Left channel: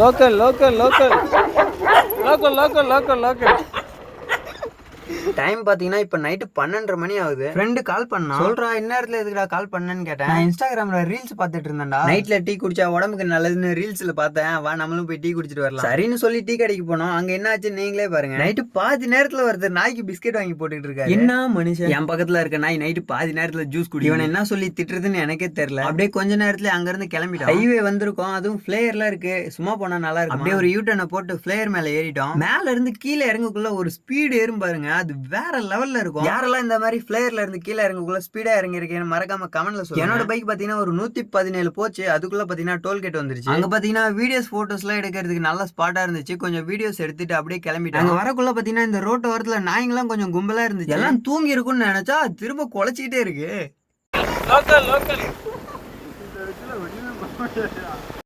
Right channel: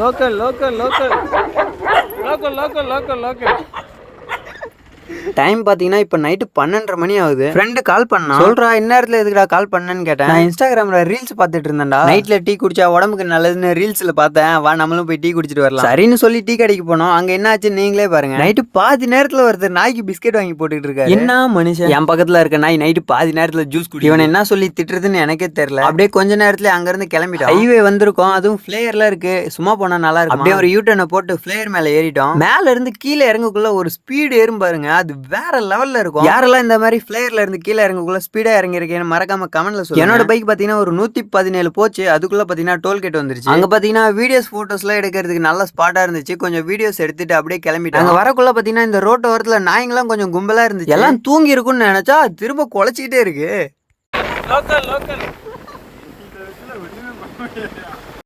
Local local local local local local local. Time பார்த்தீங்கன்னா இப்போ night 12:30 மணி ஆகுது. ஃப்ரெண்டு கால் பண்ணா, சொல்றா இந்நேரத்தில் எதுக்குடா கால் பண்ணேன்னு கேட்டேன். நான் இன்ஸ்டாகிராமில் ரீல்ஸ் பார்த்துட்டு இருந்தேன்டா. நைட்டில் டீ குடிச்சா உடம்புக்கு நல்லதுன்னு ரீல்ஸில் பார்த்தேன். வா நம்மளும் போய் டீ குடிச்சிட்டு வரலாம் சரின்னு சொல்லி டீ கடைக்கு போனோம். அங்கே என்ன ஆச்சு நீங்களே பாருங்க. நைட்டு பாதி நேரத்தில் ஒருத்தர் நாய்க்கு பிஸ்கெட் வாங்கி போட்டுட்டு இருக்காரு. என்ன மனுஷன், என் பக்கத்தில் இருக்க நாய் நைட்டு பாதி நேரத்தில் ஜூஸ் குடி. இவன் என்ன சொல்லி திட்டுறதுன்னு எனக்கே தெரியல. அப்படியே கொஞ்ச நேரத்தில் அங்கேருந்து கிளம்பிட்டோம். ஹைவே வந்திருக்கோம், அதுவும் ஃபிளேயர்லாம் இருக்கு. சும்மா போனால் நல்லா இருக்கும். அப்படியே ஒரு யூட்டர்னை போட்டு ஃபிளேயர் மேலே ஏறிட்டோம். மேல இருந்து கீழே இறங்கக்குள்ள ஒரு ஸ்பீடு ஏறும் பாருங்க, அது வேற லெவல்ல இருக்கும். யாரெல்லாம் இந்த மாதிரி ஃபிளேயர்ல இருந்து கீழே இறங்கக்குள்ள ஸ்பீடா இறங்கி இருக்கேன்னு மறக்காம கமெண்ட்ல சொல்லுங்க. என்னோட பைக் பாத்தீங்கன்னா ஒரு 117 போச்சு. அதுக்குள்ள பாத்தீங்கன்னா டோல்கேட் வந்துருச்சு. அங்க பாத்தீங்கன்னா வீடியோஸ் போட்டோஸ் எல்லாம் எடுக்கிறதுக்கு நல்ல ஸ்பாட்டா இருந்துச்சு. கொஞ்சம் வீடியோஸ் எடுத்துட்டு அப்படியே கிளம்பிட்டோம். அங்க வரக்குள்ள பாத்தீங்கன்னா இந்த ரோட்டு ஓரத்துல நாய்ங்கெல்லாம் கொஞ்சம் கும்பலா இருந்துச்சு. எல்லாம் தூங்கி இருக்கும்னு நினைச்சா திரும்ப குலைச்சிக்கிட்டே இருக்கு. Local local